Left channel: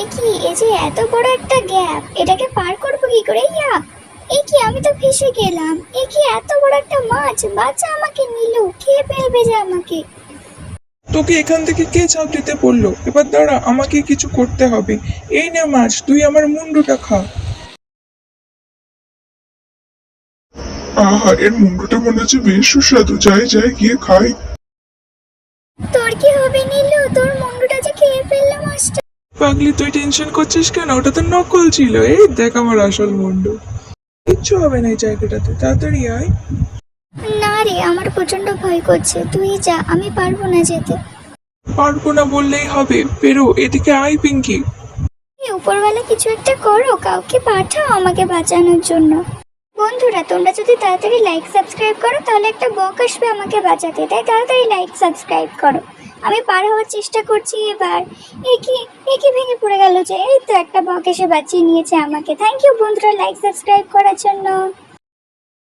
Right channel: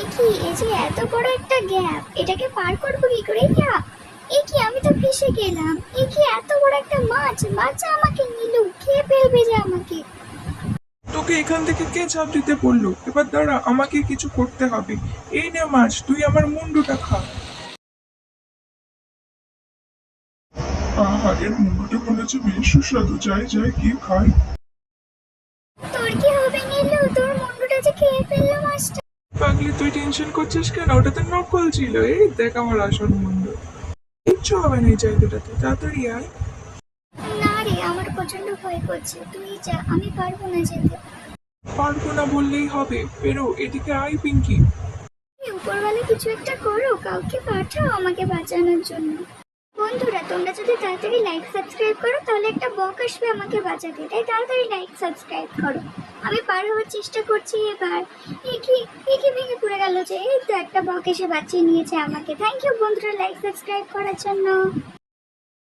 এ কি, এই যে এত বড় একটা গ্যাপ, এটাকে পার করবো কি করে? ইয়া, এ কি, আমি তো ফেসে গেলাম। এ কি, এত বড় একটা মাছ, বাচ্চা আমাকে নিল, খেয়ে ফেলবে যে আমাকে। তোকে এখান থেকে কে চাপ দিতে বললো? এবার দাঁড়া, আমাকে কিছু করতে হবে। এই নে মাছ, তুই আমার মুন্ডুটা খা। আহা, এর মুন্ডুটা মনে হচ্ছে বেশ সুস্বাদু। যাই যাই গিয়ে খাই। তোর কি হবে নীলু? তোর মুন্ডুটা যে খেয়ে ফেললো মাছটা। পাগলি, তুই টেনশন করছিস কেন? ওটা তো নকল ছিল। এই দেখ আমার আসল মুন্ডু। কিচ্ছু হবে না এই জায়গাটাতে, তাড়াতাড়ি আয়। না রে, আমার প্রচন্ড ভয় করছে, তুই যা, আমি পারবো না যেতে। পারবো না বললেই হবে, বেরো এদিকে আয় পিঙ্কি। এই উপরওয়ালা কিছু একটা করো, কাউকে পাঠাও আমাকে বাঁচানোর জন্য। বন্ধুরা, তোমরা যদি তাড়াতাড়ি লাইক সাবস্ক্রাইব করো তাহলে একটা বক আসবে আমাকে বাঁচাতে, তাই তাড়াতাড়ি লাইক সাবস্ক্রাইব করো। আমি পার হওয়ার চেষ্টা করছি এবার। একই ভেঙে পড়ে গেল যে, এই তো একটা বক এসে বাঁচিয়ে নিয়েছে আমাকে। থ্যাংক ইউ বন্ধুরা লাইক সাবস্ক্রাইব করার জন্য।